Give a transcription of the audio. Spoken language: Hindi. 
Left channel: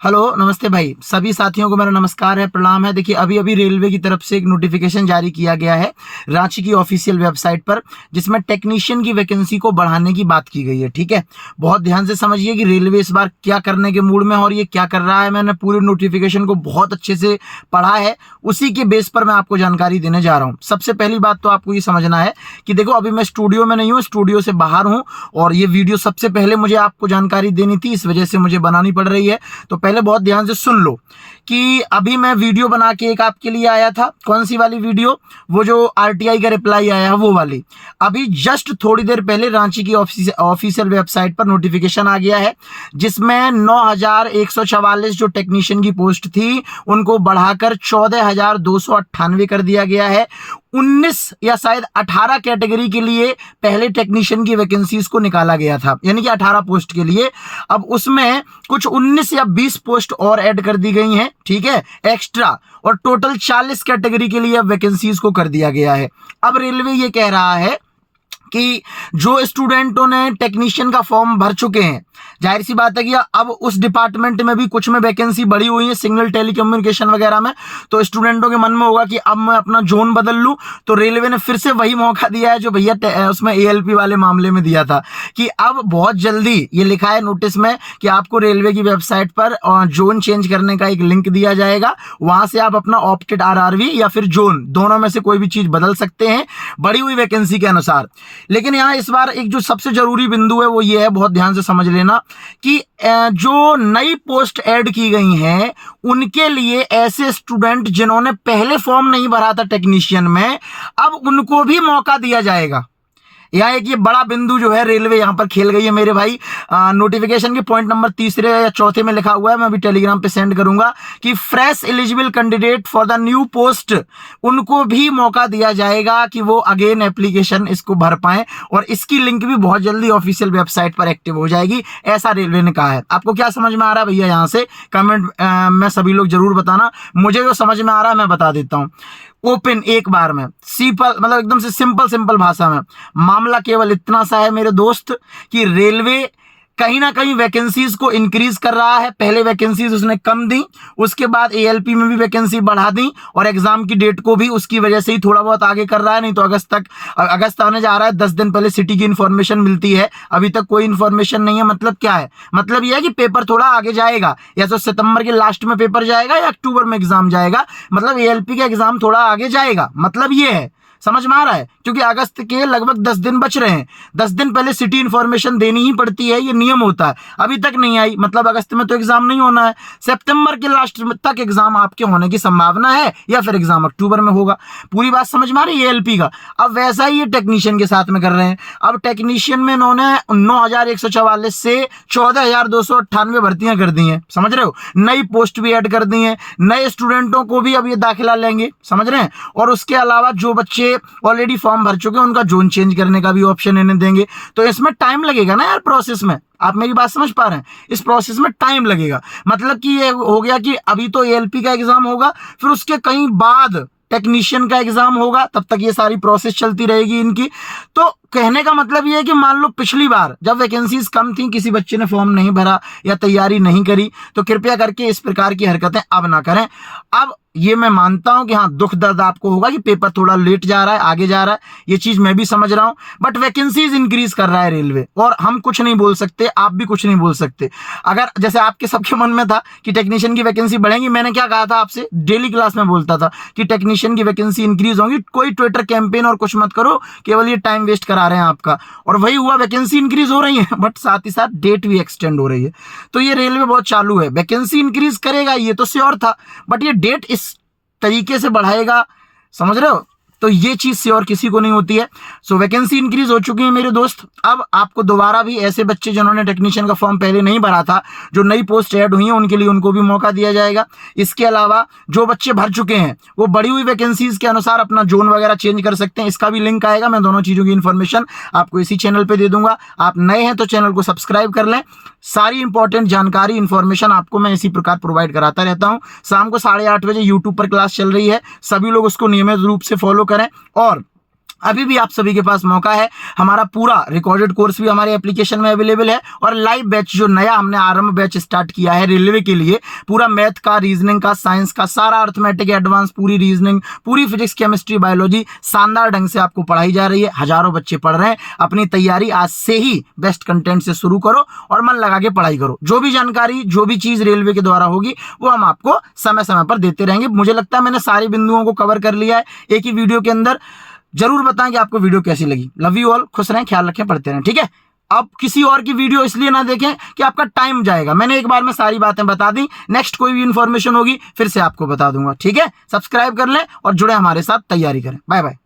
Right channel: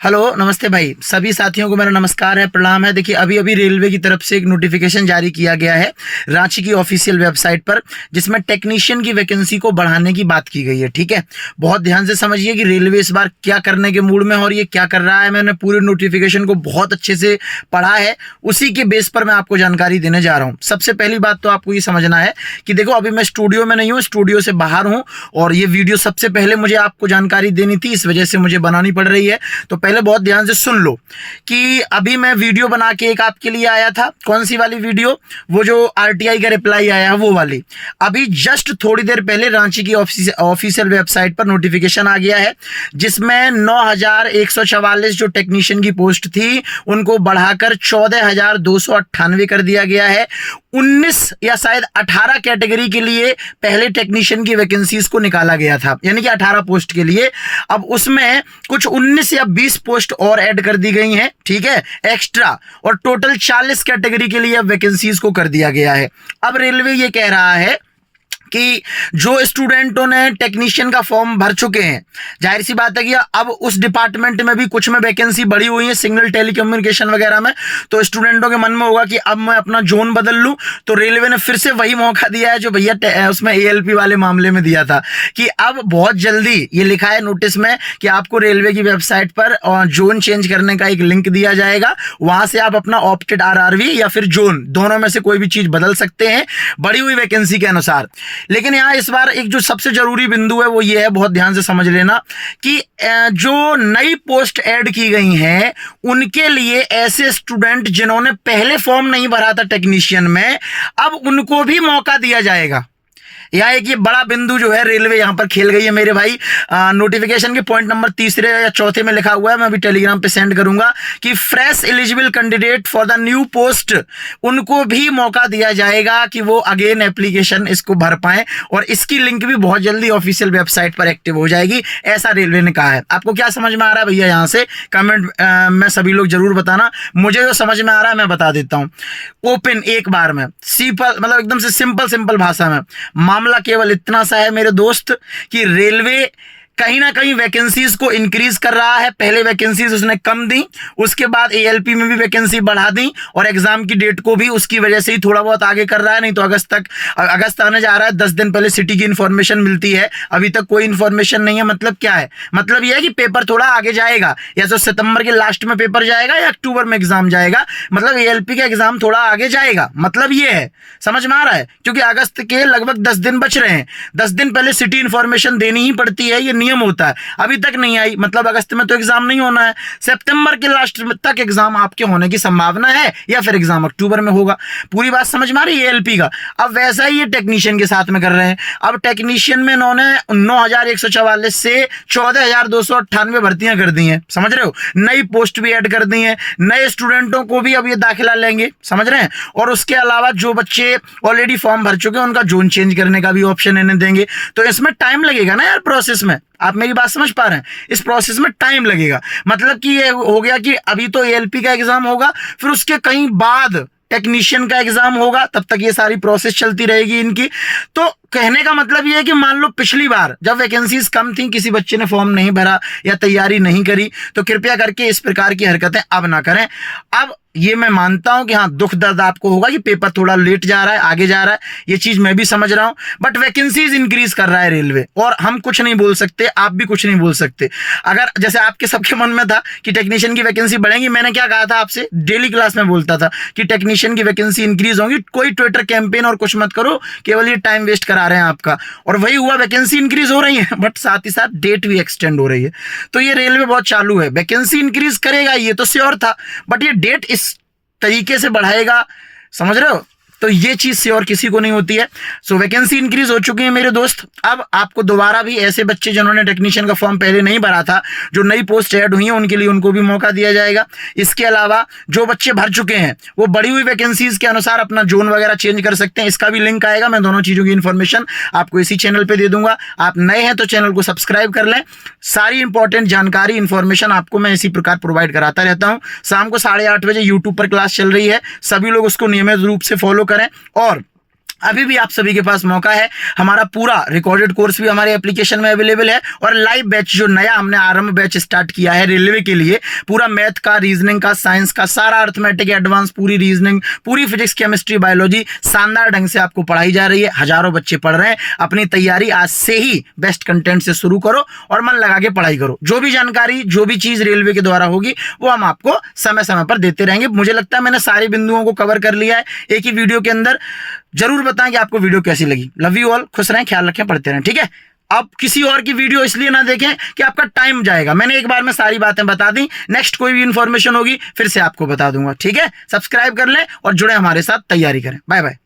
हेलो, नमस्ते भाई। सभी साथियों को मेरा नमस्कार है, प्रणाम है। देखिए, अभी अभी रेलवे की तरफ से एक नोटिफिकेशन जारी किया गया है रांची की ऑफिशियल वेबसाइट पर, जिसमें टेक्नीशियन की वैकेंसी को बढ़ाने की बात की गई है। ठीक है, बहुत ध्यान से समझिए कि रेलवे इस बार क्या करने के मूड में है और ये क्या कर रहा है। मैंने पूरे नोटिफिकेशन को बहुत अच्छे से पढ़ा है, उसी के बेस पर मैं आपको जानकारी देने जा रहा हूँ। सबसे पहली बात तो आपको ये समझना है कि देखो, अभी मैं स्टूडियो में नहीं हूँ, स्टूडियो से बाहर हूँ, और ये वीडियो सबसे पहले मुझे आपको जानकारी देनी थी, इस वजह से मुझे बनानी पड़ रही है। तो पहले बहुत ध्यान से सुन लो कि अभी मैं वीडियो बना के एक आपके लिए आया था। कौन सी वाली वीडियो? वो जो आरटीआई का रिप्लाई आया है, वो वाली। अभी जस्ट थोड़ी देर पहले रांची की ऑफिशियल वेबसाइट पर नोटिफिकेशन आ गया है, जिसमें 9,144 जो टेक्नीशियन की पोस्ट थी उनको बढ़ाकर 14,298 कर दिया गया है। 19 या शायद 18 कैटेगरी के लिए पहले टेक्नीशियन की वैकेंसीज को निकाला गया था, यानी कि 18 पोस्ट के लिए। अब उसमें कुछ 19 या 20 पोस्ट और ऐड कर दी गई हैं, ठीक है, एक्स्ट्रा, और टोटल 40 कैटेगरी के लिए अब वैकेंसीज को कर दिया गया है। अब रेलवे ये कह रहा है कि जो स्टूडेंटों ने टेक्नीशियन का फॉर्म भर चुके हैं, जाहिर सी बात है कि अब उस डिपार्टमेंट में भी कुछ में वैकेंसी बढ़ी हुई है, सिग्नल टेलीकम्युनिकेशन वगैरह में, तो स्टूडेंटों के मन में होगा कि अब मैं अपना जोन बदल लूं। तो रेलवे ने फिर से वही मौका दिया है जो भैया उसमें एएलपी वाले मामले में दिया था, कि अब बहुत जल्दी, ये लिखा है नोटिस में कि आपको रेलवे की वेबसाइट पर जोन चेंज करने का एक लिंक दिया जाएगा। वहां से आप अपना ऑप्टेड आरआरवी या फिर जोन, दोनों में से कोई भी चीज बदल सकते हैं बढ़ी हुई वैकेंसी के अनुसार। लेकिन यहाँ इस बार एक जो सबसे जरूरी बिंदु है वो ये है, बहुत ध्यान से समझ लेना, कि जो नई पोस्ट ऐड की गई हैं उनके लिए ऐसे स्टूडेंट जिन्होंने पहले फॉर्म नहीं भरा था टेक्नीशियन में, अब उनको भी मौका दिया जाएगा। यहाँ एक ये बड़ा बिंदु जो है रेलवे यहाँ पर खेल गई है मेरे भाई। नोटिफिकेशन के पॉइंट नंबर 3 या 4 में लिखा हुआ है, मैं अभी टेलीग्राम पे सेंड करूंगा, कि fresh eligible candidate for the new post, उनको भी मौका दिया जाएगा कि वो अगेन एप्लीकेशन इसको भर पाएं, और इसकी लिंक भी बहुत जल्दी ऑफिशियल वेबसाइट पर एक्टिव हो जाएगी, ऐसा रेलवे ने कहा है। आपको क्या समझ में आ रहा है भैया? यहाँ से कमेंट में सभी लोग जरूर बताना। मुझे जो समझ में आ रहा है मैं बता देता हूँ ओपन एक बार में, सिंपल, मतलब एकदम से सिंपल भाषा में। मामला केवल इतना सा है मेरे दोस्त, कि रेलवे कहीं ना कहीं वैकेंसीज को इंक्रीज कर रहा है। पहले वैकेंसीज उसने कम दी, उसके बाद एएलपी में भी वैकेंसी बढ़ा दी, और एग्जाम की डेट को भी उसकी वजह से ही थोड़ा बहुत आगे कर रहा है। नहीं तो अगस्त आने जा रहा है, 10 दिन पहले सिटी की इंफॉर्मेशन मिलती है, अभी तक कोई इंफॉर्मेशन नहीं है। मतलब क्या है? मतलब यह है कि पेपर थोड़ा आगे जाएगा, या तो सितंबर के लास्ट में पेपर जाएगा या अक्टूबर में एग्जाम जाएगा, मतलब एएलपी का एग्जाम थोड़ा आगे जाएगा, मतलब ये है। समझ में आ रहा है? क्योंकि अगस्त के लगभग 10 दिन बच रहे हैं, 10 दिन पहले सिटी इंफॉर्मेशन देनी ही पड़ती है, ये नियम होता है। अभी तक नहीं आई, मतलब अगस्त में तो एग्जाम नहीं होना है, सितंबर के लास्ट तक एग्जाम आपके होने की संभावना है, या फिर एग्जाम अक्टूबर में होगा। पूरी बात समझ में आ रही है एएलपी का? अब वैसा ही ये टेक्नीशियन के साथ में कर रहे हैं। अब टेक्नीशियन में इन्होंने 9,144 से 14,298 भर्तियां कर दी हैं, समझ रहे हो? नई पोस्ट भी ऐड कर दी हैं, नए स्टूडेंटों को भी अब ये दाखिला लेंगे, समझ रहे हैं? और उसके अलावा जो बच्चे ऑलरेडी फॉर्म भर चुके हैं उनका जोन चेंज करने का भी ऑप्शन इन्हें देंगे। तो इसमें टाइम लगेगा ना यार, प्रोसेस में। आप मेरी बात समझ पा रहे हैं? इस प्रोसेस में टाइम लगेगा। मतलब कि ये हो गया कि अभी तो एएलपी का एग्जाम होगा, फिर उसके कहीं बाद टेक्नीशियन का एग्जाम होगा, तब तक ये सारी प्रोसेस चलती रहेगी इनकी। तो कहने का मतलब ये है कि मान लो पिछली बार जब वैकेंसीज कम थी, किसी बच्चे ने फॉर्म नहीं भरा या तैयारी नहीं करी, तो कृपया करके इस प्रकार की हरकतें अब ना करें। अब ये मैं मानता हूं कि हाँ, दुख दर्द आपको होगा कि पेपर थोड़ा लेट जा रहा है, आगे जा रहा है, ये चीज मैं भी समझ रहा हूं, बट वैकेंसीज इंक्रीज कर रहा है रेलवे, और हम कुछ नहीं बोल सकते, आप भी कुछ नहीं बोल सकते। अगर जैसे आपके सबके मन में था कि टेक्नीशियन की वैकेंसी बढ़ेगी, मैंने क्या कहा था आपसे? डेली क्लास में बोलता था कि टेक्नीशियन की वैकेंसी इंक्रीज होगी, कोई ट्विटर कैंपेन और कुछ मत करो, केवल ये टाइम वेस्ट करा रहे हैं आपका। और वही हुआ, वैकेंसी इंक्रीज हो रही है, बट साथ ही साथ डेट भी एक्सटेंड हो रही है। तो ये रेलवे बहुत चालू है, वैकेंसी इंक्रीज करेगा ये तो श्योर था, बट ये डेट इस तरीके से बढ़ाएगा, समझ रहे हो? तो ये चीज से और किसी को नहीं होती है। सो वैकेंसी इंक्रीज हो चुकी है मेरे दोस्त। अब आपको दोबारा भी ऐसे बच्चे जिन्होंने टेक्नीशियन का फॉर्म पहले नहीं भरा था, जो नई पोस्ट ऐड हुई है, उनके लिए उनको भी मौका दिया जाएगा। इसके अलावा जो बच्चे भर चुके हैं वो बढ़ी हुई वैकेंसीज के अनुसार अपना जोन वगैरह चेंज कर सकते हैं, इसका भी लिंक आएगा। मैं दोनों चीजों की इन्फॉर्मेशन आपको इसी चैनल पर दे दूंगा। आप नए हैं तो चैनल को सब्सक्राइब कर लें, सारी इंपॉर्टेंट जानकारी इन्फॉर्मेशन आपको मैं इसी प्रकार प्रोवाइड कराता रहता हूं। शाम को 8:30 बजे यूट्यूब पर क्लास चल रही है, सभी लोग उसको नियमित रूप से फॉलो करें। और अभी भी आप सभी के पास मौका है। हमारा पूरा रिकॉर्डेड कोर्स भी हमारे एप्लीकेशन में अवेलेबल है और लाइव बैच जो नया हमने आरंभ बैच स्टार्ट किया है रेलवे के लिए, पूरा मैथ का, रीजनिंग का, साइंस का, सारा अर्थमेटिक एडवांस, पूरी रीजनिंग, पूरी फिजिक्स, केमिस्ट्री, बायोलॉजी शानदार ढंग से आपको पढ़ाई जा रही है। हजारों बच्चे पढ़ रहे हैं। अपनी तैयारी आज से ही बेस्ट कंटेंट से शुरू करो और मन लगा के पढ़ाई करो। जो भी जानकारी, जो भी चीज रेलवे के द्वारा होगी वो हम आपको समय समय पर देते रहेंगे। मुझे लगता है मैंने सारे बिंदुओं को कवर कर लिया है एक ही वीडियो के अंदर। जरूर बताएं कि आपको वीडियो कैसी लगी। लव यू ऑल, खुश रहें, ख्याल रखें, पढ़ते रहें, ठीक है। अब किसी और की वीडियो इसलिए ना देखें कि आपका टाइम जाएगा। मैंने एक बार में सारी बातें बता दी, नेक्स्ट कोई भी इंफॉर्मेशन होगी फिर से आपको बता दूंगा, ठीक है। सब्सक्राइब कर लें और जुड़े हमारे साथ, तैयारी करें। Bye bye.